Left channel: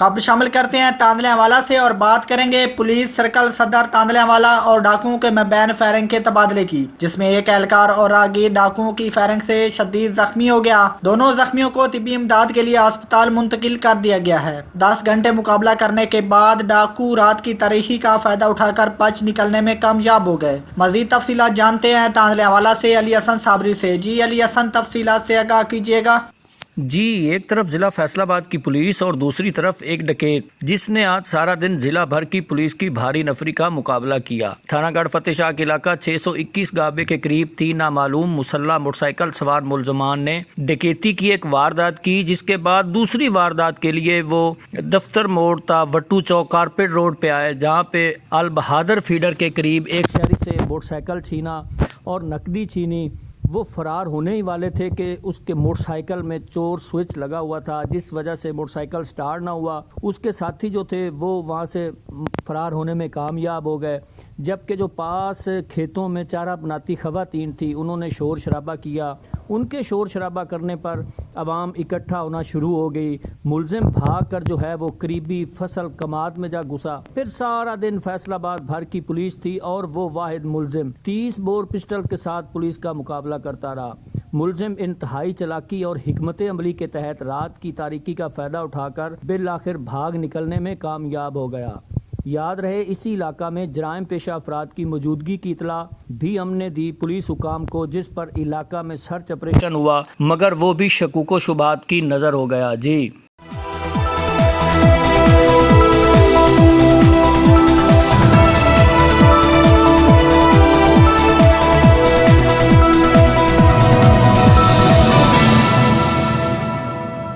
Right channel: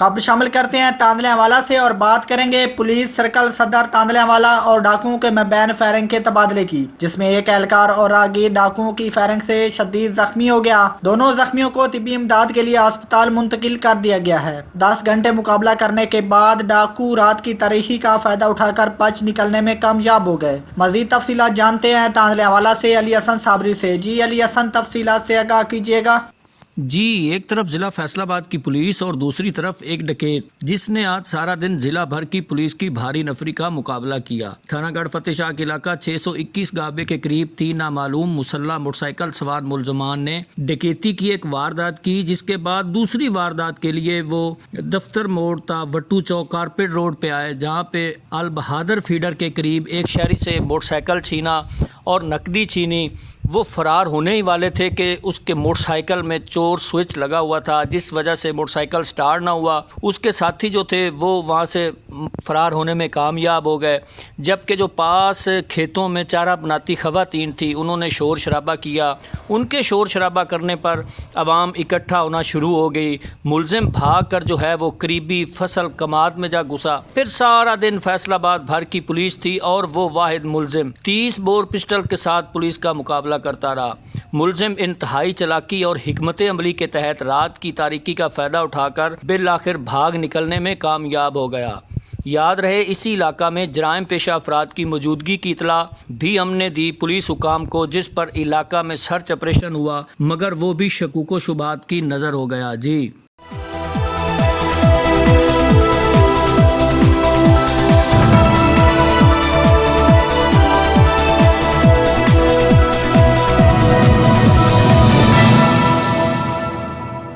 खबर शामिल करते हैं तांदलेवाला से और बात करेंगे पुलिस सर्कल सदर तांदलेवाला और डाकुओं के मबैन फायरिंग के तबादले की, जिसमें एक एहलकार और राहगीर डाकुओं की फायरिंग से शदीद जख्मी हो गया। दोनों जख्मियों को तिब्बी इमदाद के लिए अस्पताल मुंतकिल कर दिया गया है। 10 घंटे मुकाबला करने के बाद डाकू रात की तारीखी का फायदा उठाकर बच निकलने में कामयाब हो गए। मजीद तफसीलात जानते हैं तांदलेवाला से अली हसन साबरी से। जी अली हसन, तफसीलात से आगाह कीजिएगा। जी, एक तरफ जिला फैसलाबाद की पुलिस और दूसरी तरफ एक डकैत जिसने आज सारा दिन जिला भर की पुलिस की भारी नफरी का मुकाबला किया। थानागढ़ फतेहशाह के इलाका 621 गाबे के करीब 3 नामालूम मुसल्ला मोटरसाइकिल सवार मुलजमान ने डकैती की एक वारदात की, जिसके बाद दूसरी वारदात के लिए वो दफ्तर मोड़ था वट्टू चौक कारपेट रोड पे आए, जहाँ पे अल बहादुर फीडर के करीब एक शहरी से मोटरसाइकिल छीना और नकदी छीनी। वो फरार होने ही वाले थे कि उसके मोटरसाइकिल में चोर स्विच लगा हुआ था, जिस वजह से मोटरसाइकिल स्टार्ट ना हुआ। उसके साथी जो थे वो वहाँ से फरार होने में कामयाब हो गए, जबकि जो पास खेतों में चारा बनाती खवातीन थी उन्होंने शोर शराबा किया। उनके शोर शराबा करने पर आवाम इकट्ठा होना शुरू हो गई। मुलजिम भाग कर जो है वो करीबी फसल कमाद में जा घुसा। फिर सारा दिन फैसलाबाद भर की पुलिस थी और वो वाहिद मुलजिम 30 बोर पिस्टल के साथ पुलिस का मुकाबला करता रहा। मुलजिम इंतहाई चालाकी और हिकमत अमली के तहत रात की तारीकी का फ़ायदा उठाकर बिल आखिर भाग निकलने में कामयाब हो गया। याद रहे, इसी इलाका में जराइम पेशा अफराद की मौजूदगी की इतला भी हमने दी पुलिस हुकाम को, जिस पर इलाका में सर्च ऑपरेशन हुआ, मगर वो भी शकूक व शुबात की नज़र हो गया। जी।